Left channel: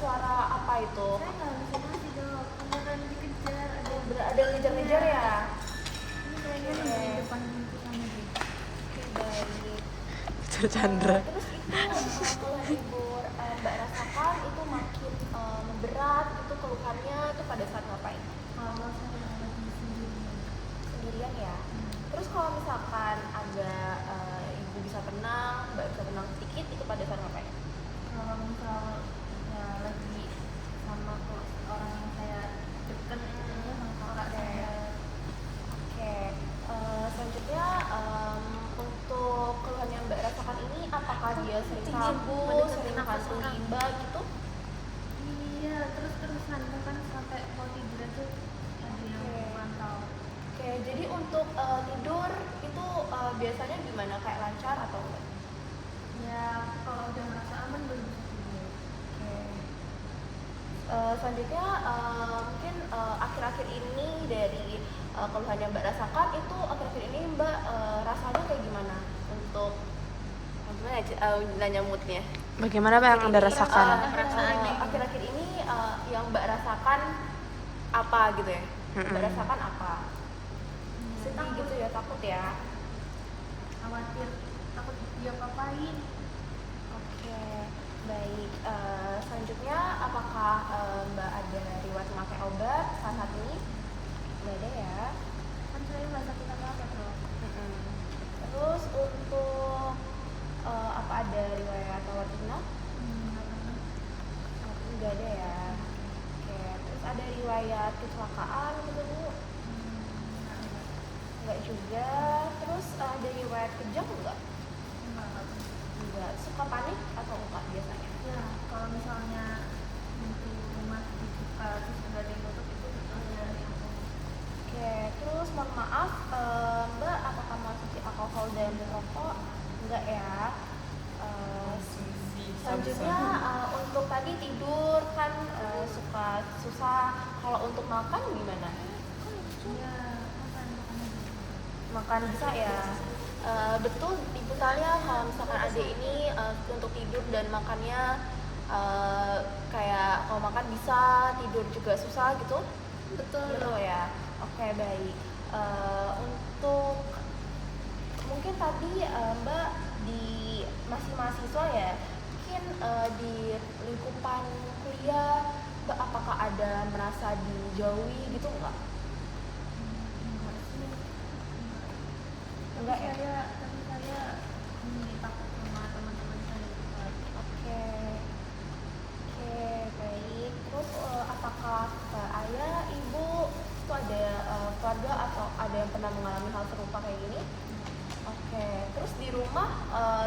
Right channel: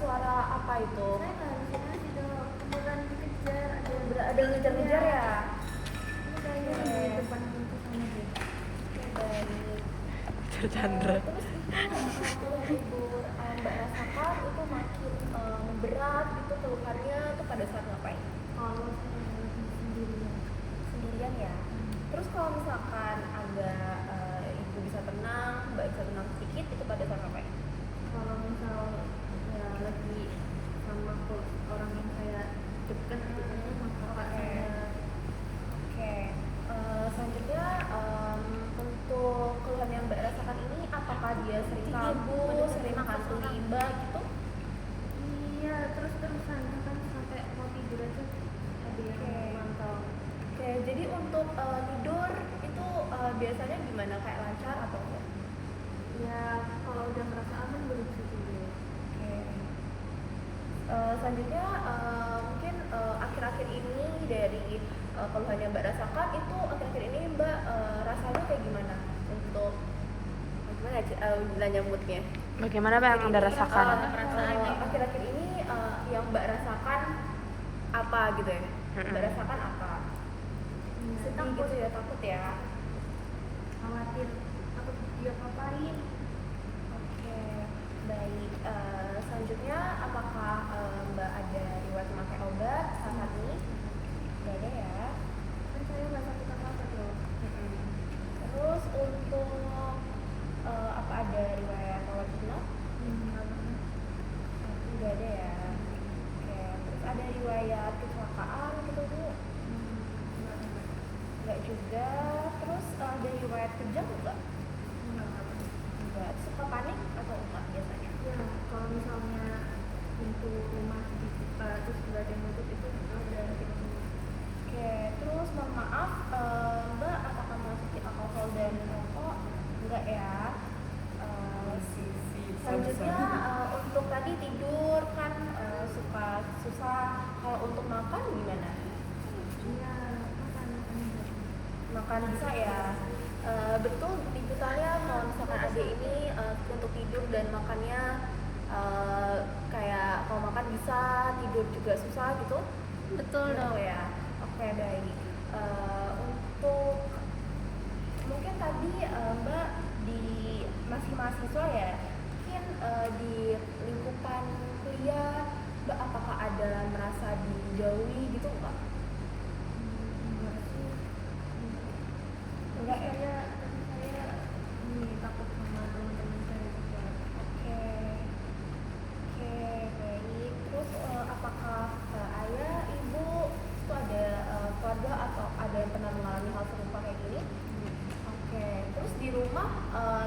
suara apa itu? Saya nggak bisa sih dok, beneran dikejar, Ada ngejar-ngejar ya? Ini kayaknya di depan pintu sana deh. Baik. Chandra. Terus itu kalau ibu Mbak rasakan itu makin berat itu keluhannya tuh pada saat ngapain? Kalau saya lagi Sendirian ya. Terus kalau misalkan ada ibu bisa tenang, Mbak bisa tenang sedikit itu pada saat ngapain? kalau misal ya lagi sama orang yang saya deket gitu sama kakak saya. Oke. Selanjutnya untuk keluhan yang Mbak rasakan ini apakah dia sering kabur, sering hantui Mbak gitu? Iya, terus-terusan kan sampai mau tidur aja ada yang mantau. Oke, jadi untuk tidur itu biasanya gimana? Kayak lancar atau enggak? Ya kalau udah merasa aman baru bisa tidur. Selanjutnya mungkin akhir-akhir ini dari keluhan yang Mbak rasakan itu akhir-akhir ini Mbak rasanya kayak gimana untuk nanya moodnya? Bagaimana Mbak yang Anda rasakan? Akhir-akhir ini yang Mbak rasakan apa gitu ya? Mbak rasakan apa? Sedih gitu ya, takut ya? Khawatir takut dia apain. Oke, baik. Selanjutnya apakah Mbak ada riwayat memakai obat saat ini? Nggak ada ya. Kan saya nggak sakit apa-apa bro. Terus untuk apa ada riwayat rawat inap? Nggak pernah. Nggak ada ya. Oke, terus ada riwayat kecelakaan gitu Bu? Nggak juga. Terus ada riwayat kejang enggak? Enggak. Suka panik atau enggak biasanya? Ya kalau misalnya pintu rumah dibuka terus nggak ada yang nutup itu ada yang Oke, terus mohon maaf Mbak apakah mengonsumsi alkohol dan rokok? Enggak ya. Selanjutnya untuk tadi tidur kan suka susah. Kalau untuk makan gimana? ya makan. Makan bisa ya. Betul ibu tanya kalau misalkan adik ini untuk tidur dan makannya kayak kalau makan bisa, tidur juga susah gitu? Betul Betul ya. Oke, baik. Untuk mungkin tadi Mbak di masih mahasiswa ya, mungkin di lingkupan kuliah Mbak apakah ada merasa dijauhi gitu enggak? Enggak ya? Tapi saya takut sama teman-teman saya juga. Oke, baik. Terus apakah ayah, ibu itu ada keluarga atau ada yang pernah mengalami hal serupa kayak gini? Oke, terus di rumah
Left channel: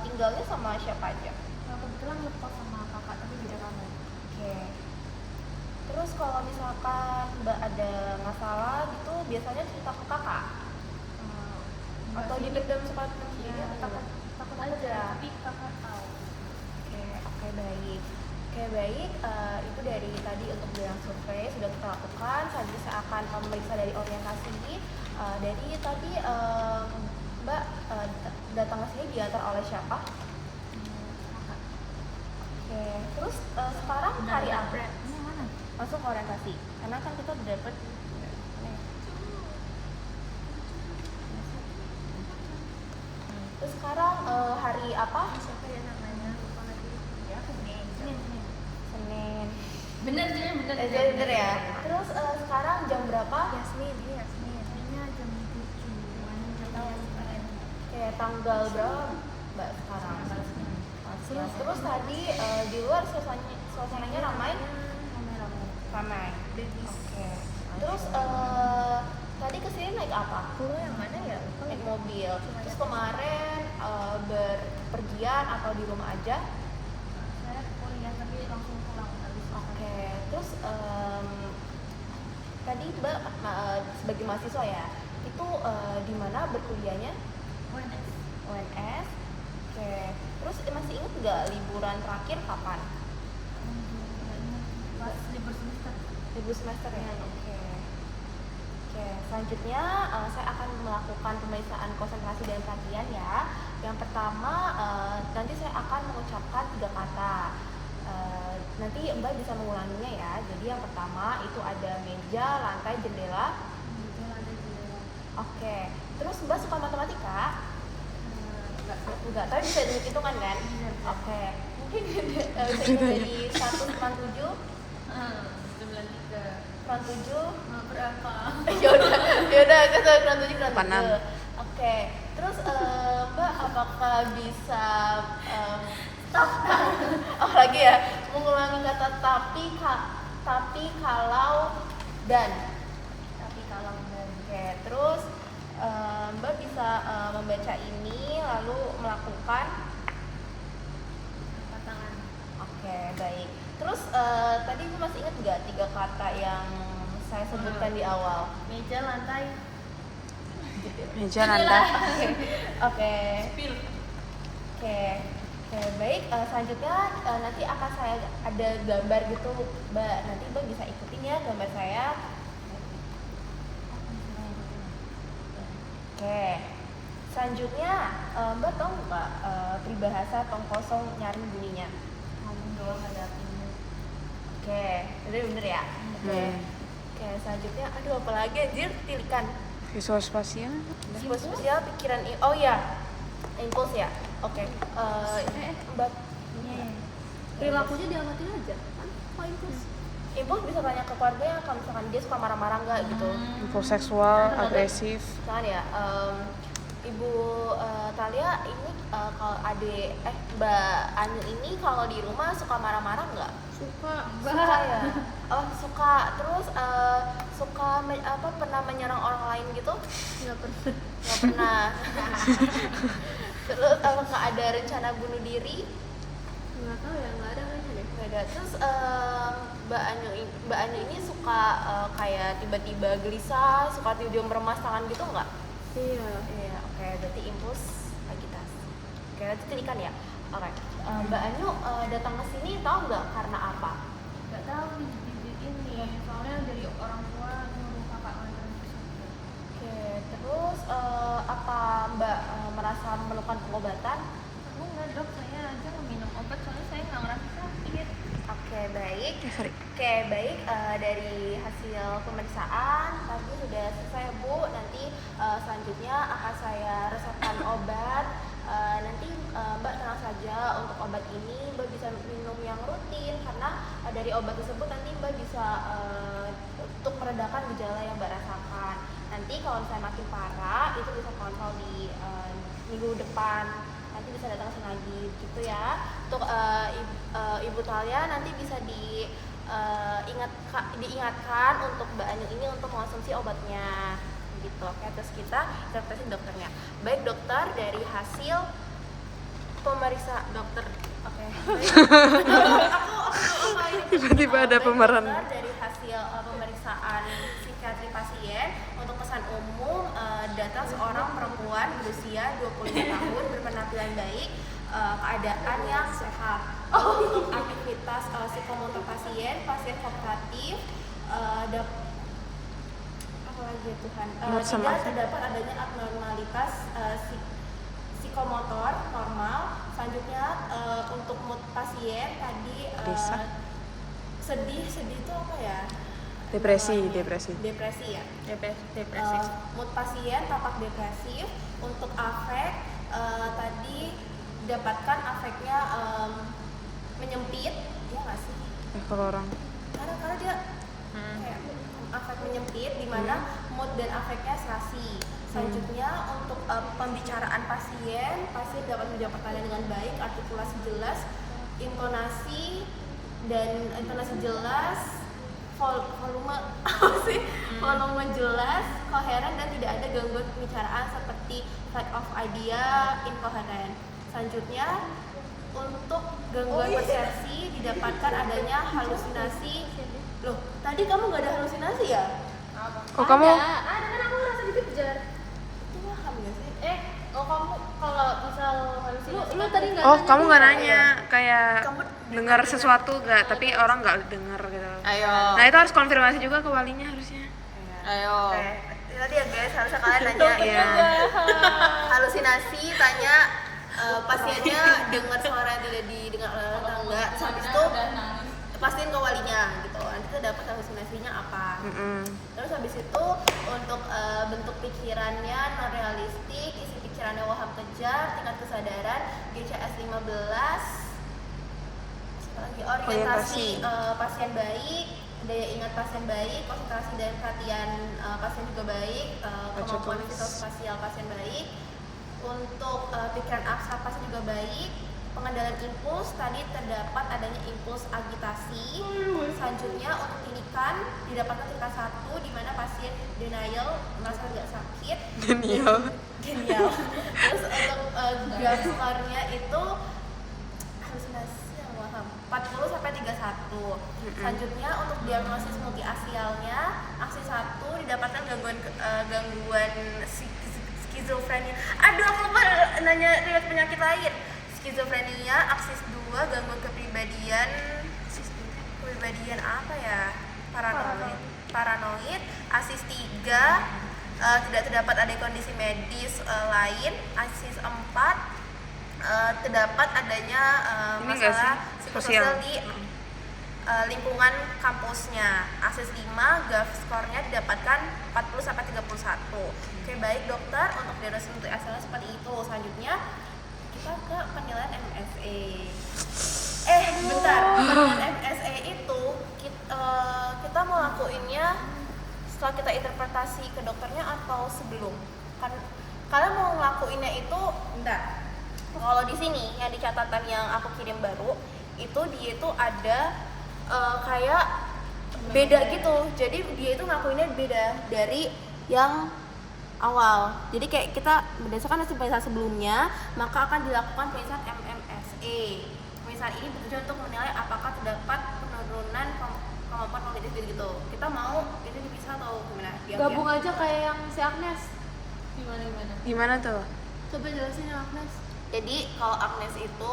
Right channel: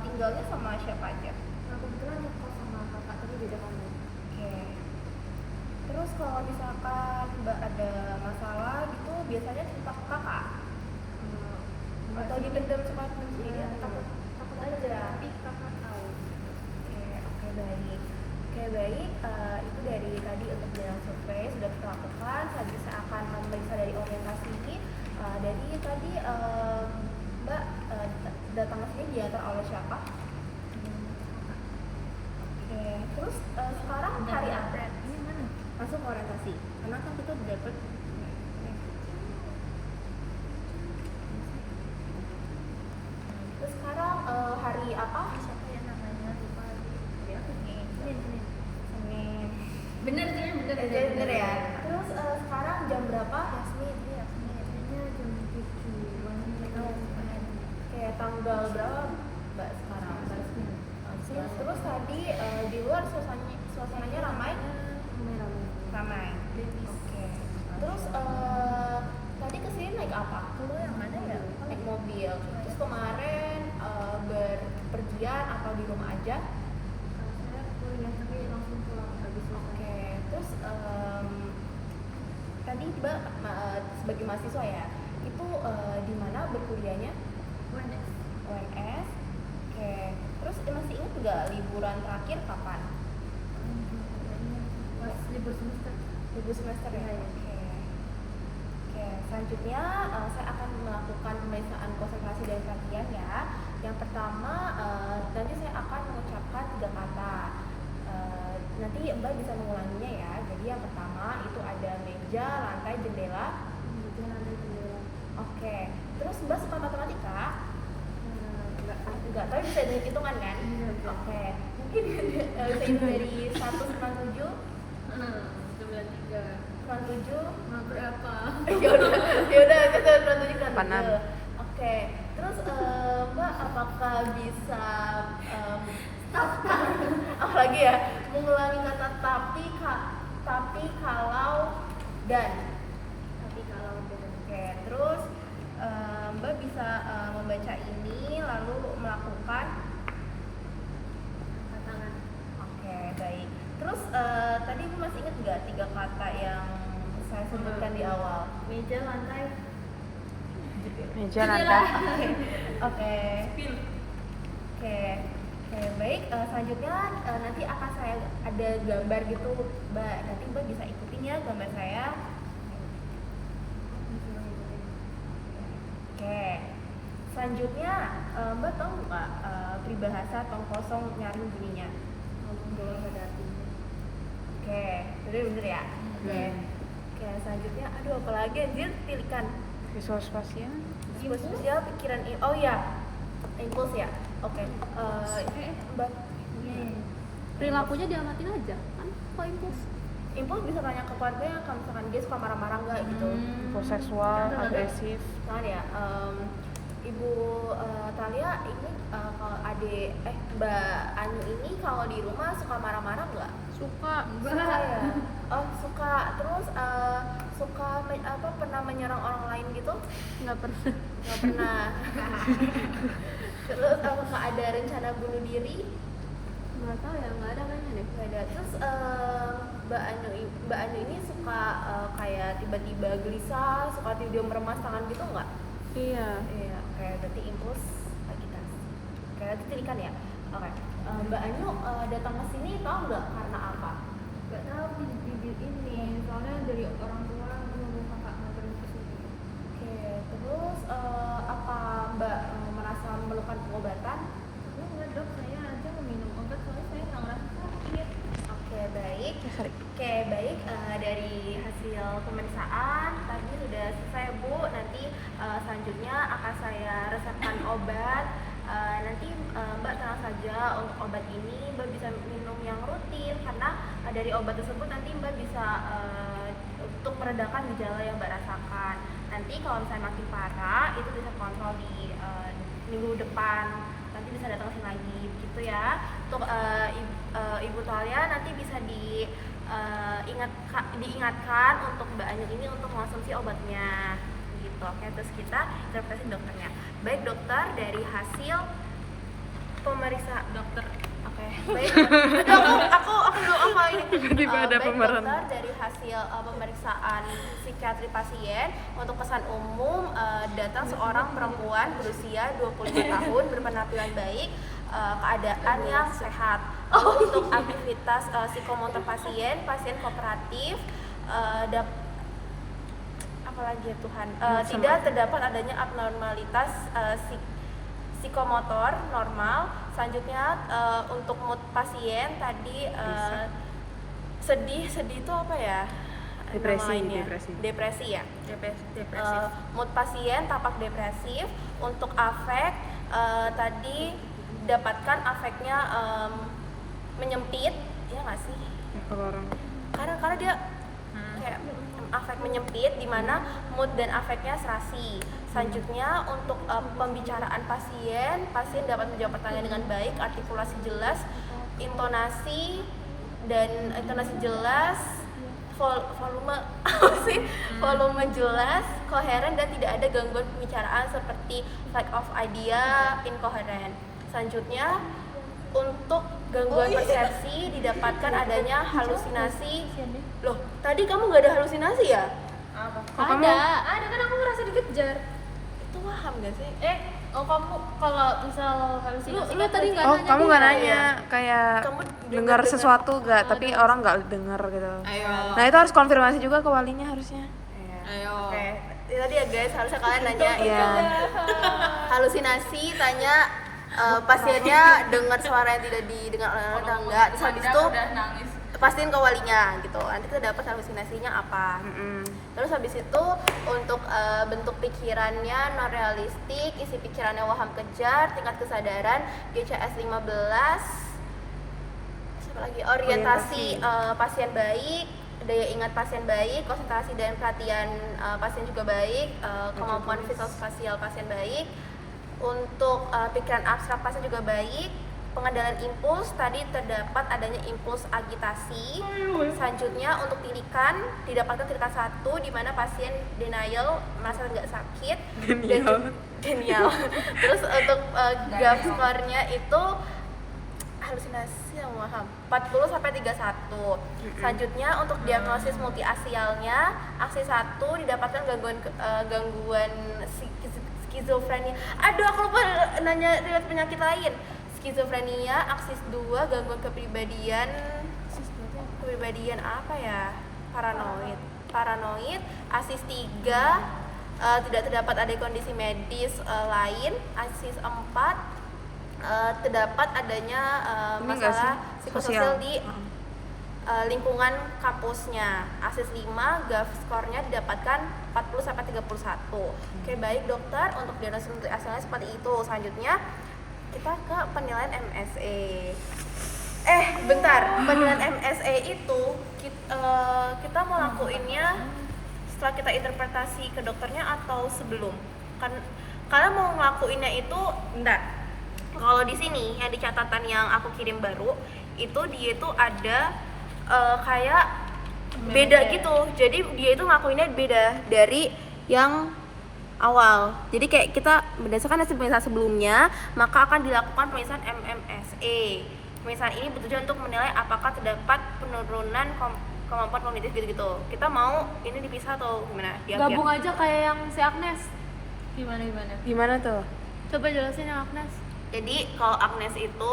tinggalnya sama siapa aja? Ya kebetulan juga sama kakak tapi beda kamar. Oke. Terus kalau misalkan Mbak ada masalah gitu, biasanya cerita ke kakak? Atau dipendam sama Ya, takut aja tapi kakak tahu. Oke, baik. Itu dari tadi untuk jalan survei sudah kita lakukan. Selanjutnya saya akan memeriksa dari orientasi. Dari tadi Mbak datang ke sini diantar oleh siapa? Oke, terus sekarang hari apa? Ini mana? Masuk orientasi. Karena kan kita udah dapet. Terus sekarang hari apa? Siapa ya namanya? Ya, Senin. Senin. Bener ya. Terus sekarang jam berapa? Kayaknya jam 7-an Kayak tanggal berapa Mbak sekarang? Terus tadi di luar suasananya ramai? Ramai. Oke. Terus tadi kesini naik apa? yang mana ya? Naik mobil. Terus kemarin berpergian atau di rumah aja? Saya kuliah tapi langsung pulang habis selesai. Oke. Terus tadi Mbak sebagai mahasiswa ya, itu di mana berkuliahnya? UNS. UNS. Oke. Terus masih ingat nggak liburan terakhir kapan? Pas libur semester. Libur semester ya. Oke. Selanjutnya saya akan melakukan pemeriksaan konsentrasi dan perhatian ya. Yang pertama nanti saya akan mengucapkan 3 kata. nanti Mbak bisa mengulanginya ya. Jadi yang pertama itu ada meja, lantai, jendela. Oke. Terus Mbak suka matematika? Enggak, tapi bisa hitung kan? Iya, bisa. Oke. Mungkin bisa dari 197 97 berapa? yaudah kita 97 ke 86. Oke. Terus Mbak apakah bisa stop oh lagi ya, mengulangi kata tapi kalau dan. Oke. Terus Mbak bisa membaca ini lalu melakukan Tangan. oke, baik. Terus tadi masih ingat nggak 3 kata yang saya sebutkan di awal? Meja, lantai. Meja, lantai. Oke. Oke, baik. Selanjutnya nanti akan saya ada gambar gitu, Mbak. Nanti Mbak bisa ikutin ya gambar saya. Oke. Selanjutnya Mbak tahu nggak peribahasa tong kosong nyaring bunyinya? Ngomong doang ada artinya. Oke, bener ya. Oke, selanjutnya aduh apa lagi anjir, tilikan. Visual spasial. Spasial pikiran oh ya. Impuls ya. Oke. Mbak Perilakunya diamatin aja kan? Kok impuls? Impuls bisa tanya ke keluarga kalau misalkan dia suka marah-marah nggak gitu. Impuls seksual, agresif. Kan ya, Ibu Talia ini kalau Mbak Anu ini kalau di rumah suka marah-marah nggak? Suka. Suka ya. Oh suka. Terus suka pernah menyerang orang lain gitu? Nggak pernah. Nggak pernah. Terus apakah ada rencana bunuh diri? Nggak tahu ya, nggak ada kayaknya deh. Nggak ada. Terus Mbak Anu ini suka kayak tiba-tiba gelisah, suka tiba-tiba meremas tangan gitu nggak? Iya. Iya, oke, berarti impuls kita. Oke, lanjut tilikan ya. Oke, Mbak Anu datang ke sini tahu nggak karena apa? Nggak tahu bibit ini, soalnya dari orang tua nyuruh kakak nganterin ke sini. Oke, terus apa Mbak merasa memerlukan pengobatan? Enggak dok, saya aja minum obat soalnya saya nggak merasa sakit. Oke, baik. Sorry. Oke, baik. Dari hasil pemeriksaan tadi sudah selesai Bu. Nanti selanjutnya akan saya resepkan obat. Nanti Mbak tenang saja, untuk obat ini Mbak bisa minum yang rutin karena dari obat tersebut nanti Mbak bisa untuk meredakan gejala yang Mbak rasakan. Nanti kalau misalnya makin parah itu bisa kontrol di minggu depan. Nanti bisa datang sini lagi gitu ya. Untuk Ibu Talia nanti bisa diingatkan untuk Mbak Anu ini untuk mengonsumsi obatnya gitu. Oke, terus kita interpretasi dokternya. Baik dokter, dari hasil pemeriksa dokter. Oke, baik. aku Tiba-tiba ada Baik, pemeran. dokter, dari hasil pemeriksaan psikiatri pasien untuk kesan umum datang seorang perempuan berusia 25 tahun berpenampilan baik, keadaan yang sehat. Lalu untuk aktivitas psikomotor pasien kooperatif, apalagi ya Tuhan, tidak terdapat adanya abnormalitas psikomotor normal. Selanjutnya untuk mood pasien tadi sedih itu apa ya? Depresi ya. Mood pasien tampak depresif. Untuk afek tadi dapatkan afeknya menyempit, ya nggak sih? Ya, kalau orang Karena dia kayak afek menyempit, di mana mood dan afeknya serasi. Selanjutnya untuk pembicaraan pasien dapat menjawab pertanyaan dengan baik, artikulasi jelas, intonasi jelas, volume jelas, koheren dan tidak ada gangguan pembicaraan seperti lack of idea, incoherent. Selanjutnya untuk gangguan persepsi didapatkan adanya halusinasi. Loh, tadi kamu nggak ada halusinasi ya? kok kamu Ada kan aku ngerasa dikejar. Itu paham nggak sih? Kamu kalau misal halusinasi lu tadi nggak oh nanya kamu gitu nggak ya? nanya kayak Kamu dengar sesuatu gak tapi orang nggak dengar gitu. Nah itu harus konfirmasi juga ke walinya harusnya. Ayo. Oke. Tadi ya guys, harusnya kalian nanya Iya. halusinasi, tanya pasiennya dengar suara yang tidak didengar oleh orang atau enggak. Terus habis itu pastiin ke walinya gitu, nanti kita dapat halusinasinya apa. Terus habis itu untuk bentuk pikirannya non realistik, isi pikirannya waham kejar, tingkat kesadaran GCS 15, apa lagi, orientasi pasien baik, daya ingat pasien baik, konsentrasi dan perhatian pasien juga baik, kemampuan visual spasial pasien baik, untuk pikiran abstrak pasien juga baik, pengendalian impuls, tadi terdapat adanya impuls agitasi. Selanjutnya untuk tirikan, didapatkan tirikan 1 di mana pasien denial, merasa nggak sakit. Denial. Terus untuk GAF score-nya itu halusinasi yang waham 40 sampai 31. Selanjutnya untuk diagnosis multiasialnya, aksi 1 didapatkan gangguan skizofrenia. Aduh, aku lupa nanya riwayat penyakit lain. Skizofrenia, aksis 2 gangguan kepribadian apa ya? Paranoid. Aksis 3 tidak terdapat ada kondisi medis lain. Aksis 4 terdapat adanya masalah psikososial di lingkungan kampusnya. Aksis 5 GAF skornya didapatkan 40 sampai 31. Oke, baik dokter, untuk diagnosis untuk asalnya seperti itu. Selanjutnya kita ke penilaian MSA. Bentar, penilaian MSA itu kita mau lakuinnya setelah kita interpretasi ke dokternya atau sebelum? Kalian mau ngelakuinnya itu, bentar. Kalau di sini yang di catatan yang aku kirim baru, itu dia itu ada kayak beda gitu. Jadi dia itu ngelakuinnya beda dari yang awal. Jadi kayak kita berdasarkan hasil pemeriksaan sebelumnya, maka akan dilakukan pemeriksaan MMSA. Pemeriksaan ini bertujuan untuk menilai apakah terdapat penurunan kemampuan kognitif gitu-gitu. Kita mau ini dipisah atau gimana? Gabung aja kayak yang si Agnes. Gimana tuh? Coba jelasin yang Agnes. Jadi kalau Agnes itu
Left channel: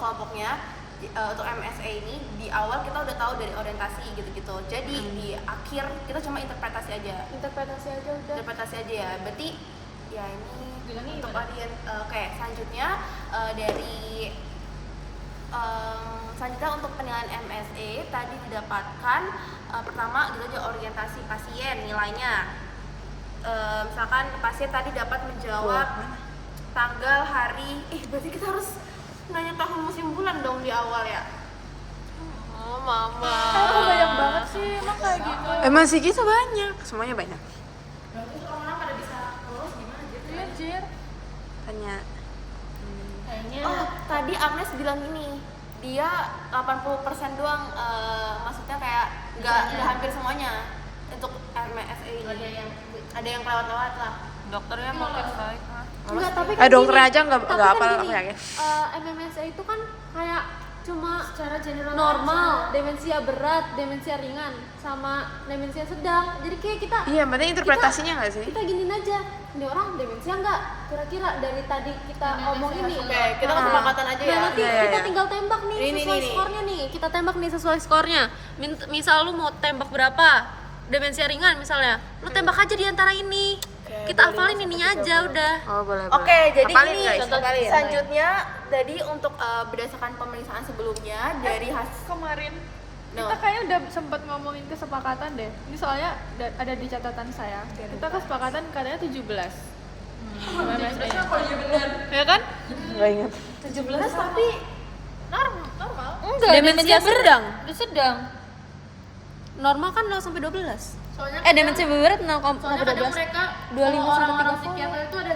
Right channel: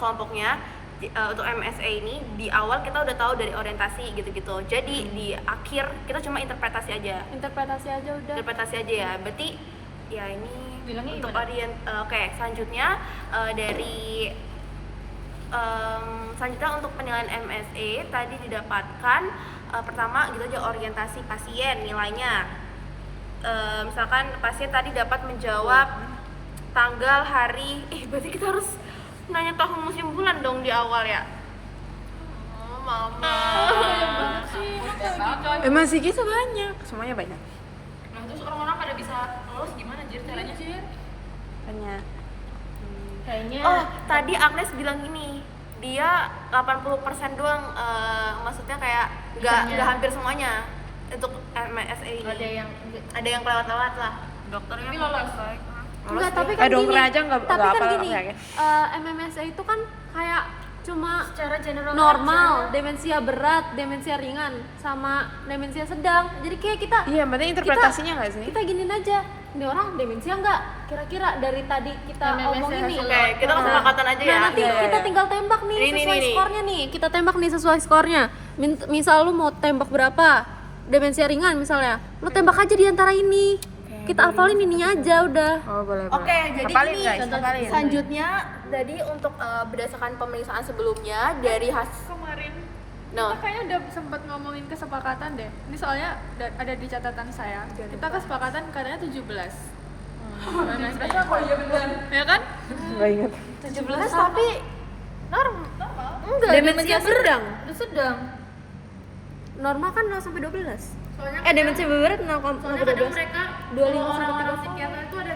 kelompoknya untuk MSA ini di awal kita udah tahu dari orientasi gitu-gitu. Jadi di akhir kita cuma interpretasi aja. Interpretasi aja ya. Berarti ya ini bilangnya untuk oke, selanjutnya dari selanjutnya untuk penilaian MSA tadi didapatkan pertama gitu aja, orientasi pasien nilainya. Misalkan pasien tadi dapat menjawab tanggal, hari, berarti kita harus nanya tahun, musim, bulan dong di awal ya. Mama. Banyak banget sih. Emang sih kita banyak, semuanya banyak. Nah, terus orang-orang pada bisa lulus gimana caranya? Tanya. Kayaknya Tadi Agnes bilang ini, dia 80% doang, maksudnya kayak nggak hampir semuanya untuk MSA ini. Ada yang kelewat-lewat lah. Dokternya tapi lolos. Lolos tapi dia. kan Dokter gini, aja nggak tapi kan apal, gini, aku yakin. MMSA itu kan kayak cuma secara general normal, demensia berat, demensia ringan, sama demensia sedang. Jadi kayak kita Iya, berarti interpretasinya nggak sih? kita giniin aja, ini orang demensia nggak? Kira-kira dari tadi kita omong ini. Oke, kita kesepakatan aja ya. Nanti Iya, kita iya. tinggal tembak nih Ini, sesuai nih. skornya nih. Kita tembak nih sesuai skornya. Misal lu mau tembak berapa? Demensia ringan misalnya. Lu tembak aja di antara ini. Kita hafalin ininya aja udah. Oh, boleh. Oke, jadi hafalin ini guys, hafalin. selanjutnya jadi untuk berdasarkan pemeriksaan sebelumnya dari hasil kemarin No. kita kayaknya udah sempat ngomongin kesepakatan deh. Ini soalnya ada di catatan saya. Kita kesepakatan katanya 17. Gimana sih? iya benar. Ya kan? Nggak ingat. 17 tapi normal. Enggak, Demensia sedang. sedang. Normal kan 0 sampai 12. Soalnya Demensia berat 0 sampai 12. mereka 25 sampai orang-orang 30. psikiater itu ada